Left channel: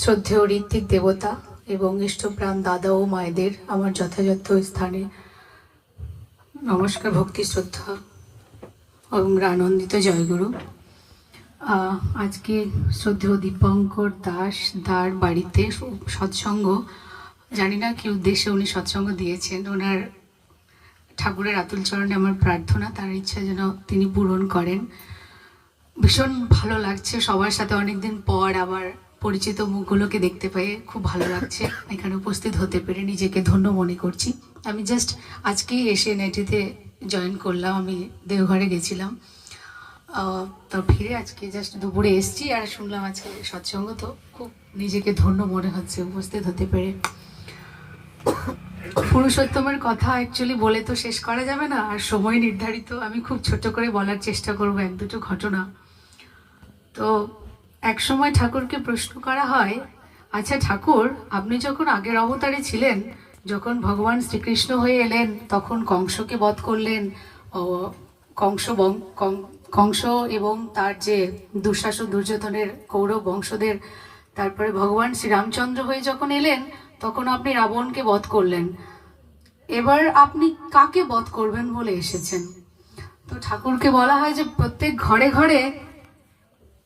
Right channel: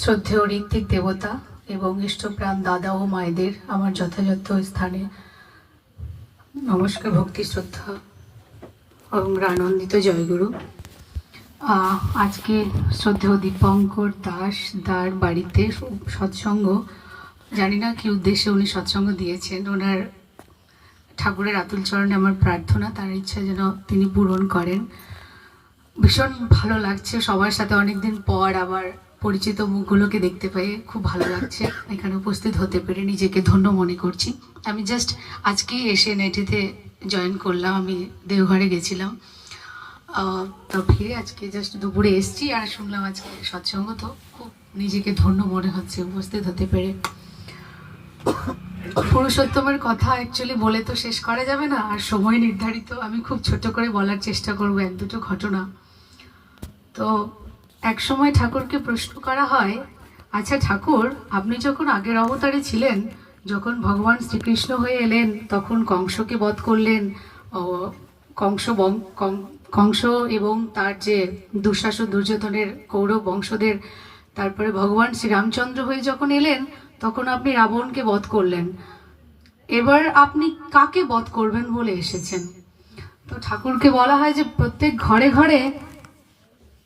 শ্রদ্ধেয় ঋত্বিক দেবতা এবং ইষ্টপ্রাণ দাদা ও মায়েদের আমার যথাযথ স্থানে নমস্কার, ভক্তি, শ্রদ্ধা এবং আনন্দিত জয়গুরু। আজকে শ্রদ্ধেয় দীপঙ্কর দাস দার বাড়িতে সৎসঙ্গ, জানি না কি উদ্দেশ্যে উনি সৎসঙ্গ দিয়েছেন। ওনার ঠাকুরের আতুল চরণে আমার প্রার্থনা তার ইচ্ছা যেন তিনি পূরণ করেন। ভীষণ ভালো লাগছে, সবার সাথে অনেকদিন পর আবার পরিচিত মুখগুলোকে দেখতে পেয়ে খুব ভালো লাগছে। এখানে উপস্থিত হতে পেরে নিজেকে ধন্য মনে করছি। আমি জাস্ট আজকেই এসে নেটিতে জয়েন করলাম, আমি দেওঘরে গেছিলাম, তো ফিরে আজকে জাস্ট দুপুরে এসছি আর শুনলাম আজকে সৎসঙ্গ, তো খুব নিজেকে ধন্য মনে হচ্ছে উপস্থিত হতে পেরে। পুরুষোত্তমের কথা অ্যাকচুয়ালি বলে তো শেষ করা যাবে না, আর সময় নির্ধারিত, আমি খুব ছোট করে বলার চেষ্টা করব এক দুটো ঘটনা। তো এক সময় ঠাকুরকে প্রশ্ন করা হয়, আচ্ছা ঠাকুর, আপনি যখন আগের অবতারে ছিলেন, যখন ভগবান শ্রীকৃষ্ণ হয়ে এলেন, তখন কংসকে বধ করলেন, কংস এবং তার যে দুঃশাসন দুর্যোধনের কৌরব বংশদের, তারপরে ভগবান শ্রীরামচন্দ্র হয়ে যখন এলেন, তখন আপনি রাবণকে বধ করলেন। এবার আপনি কাকে বধ করবেন বলে এসেছেন? তো ঠাকুরকে বলা হয় যে প্রত্যেক ঘরে ঘরে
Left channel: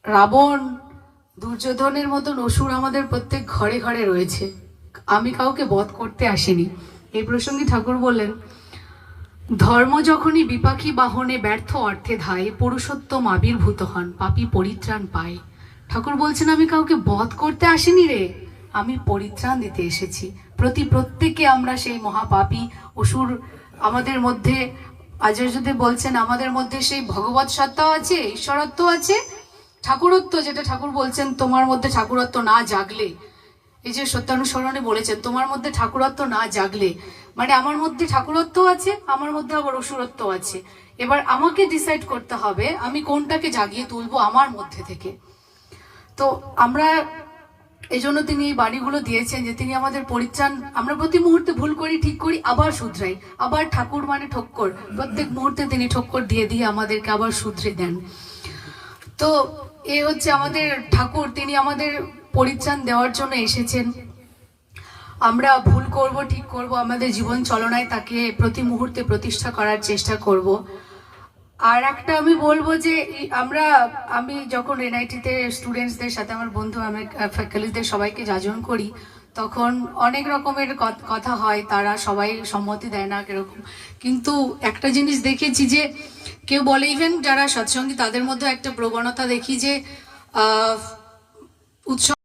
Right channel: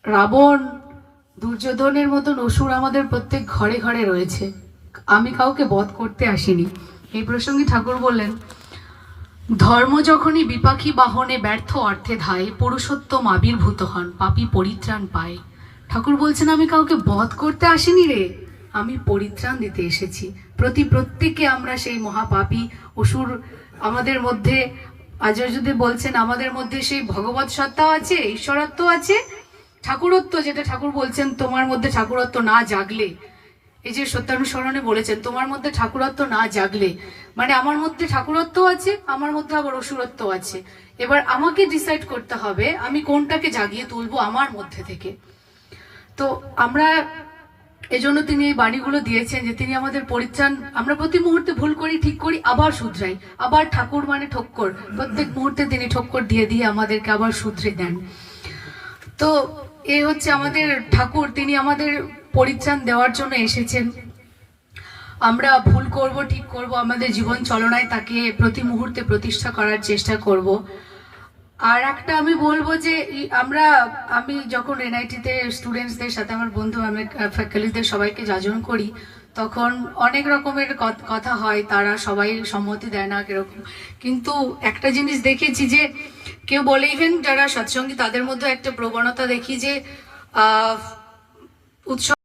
রাবণ, দুর্যোধনের মতন অসুর আমাদের প্রত্যেক ঘরে ঘরে রয়েছে, আমি কাউকে বধ করতে আসিনি। এই প্রসঙ্গে ঠাকুর বললেন, ধর্ম যখনই বিপাকী বাহনে ব্যর্থ অর্থে ধায়, পুরুষোত্তম আবির্ভূত হন, পাপী পরিত্রাণ পায়। ঠাকুর বলছেন, আমি কাউকে বধ করতে আসিনি রে, আমি পরিত্রাণ দিতে এসেছি। প্রত্যেকে আমরা সেই মহাপাপী অসুর। আমাদের মধ্যে আচার্যদেব বলছেন, আমাদের মধ্যে সেই ভগবৎ সত্তাও আছে, ঈশ্বরত্ব আছে, ঠাকুরত্ব, যেটা ঠাকুর বলছেন তোমার মধ্যে ঠাকুরত্ব না জাগলে, এই যে সত্যানুসরণে বলেছেন তোমার মধ্যে ঠাকুরত্ব না জাগলে, মানে আমার মধ্যে ঠাকুরত্ব আছে, আমার মধ্যে আবার অসুরত্ব আছে। এবার আমাকে ডিসাইড করতে হবে আমি কোনটাকে জাগিয়ে তুলবো আমার মধ্যে থেকে। তো আমরা এজন্য তিনি এই বাণীগুলো দিয়েছেন যে তিনি আমাদের পরিত্রাণ। আমরা প্রতি মুহূর্তে ভুল করি, ঠিক করি, আবার শুধরাই, আবার ঠাকুর মানে ঠক্কর, প্রত্যেক মুহূর্তে তিনি ঠক্কর দিয়ে দিয়ে আমাদেরকে আবার শুধরে দেন। তো এই হচ্ছে আমাদের ঠাকুর, তিনি আমাদের পরিত্রাণ দেওয়ার জন্য এসেছেন। আমরা ভুল করব, ঠিক করব, আমাদের জীবন চলনায় তাকে প্রতি মুহূর্তে প্রতিষ্ঠা করার চেষ্টা করব। আর একটা আমি বলবো যে আমি যখন এনআইটিতে স্টুডেন্টসদের সাথে, আমার বন্ধু, আমি ফ্যাকাল্টিদের সবাইকে যাজন করি, তখন অনেক রকমের কথা হয়, তারা সবাই সম্মতি দেয় না এরকম। কিন্তু একটা জিনিস দেখেছি যে কেউ বলে, ইভেন যারা সৎসঙ্গী তাদের মধ্যে একটা প্রবণতা দেখি যে উৎসব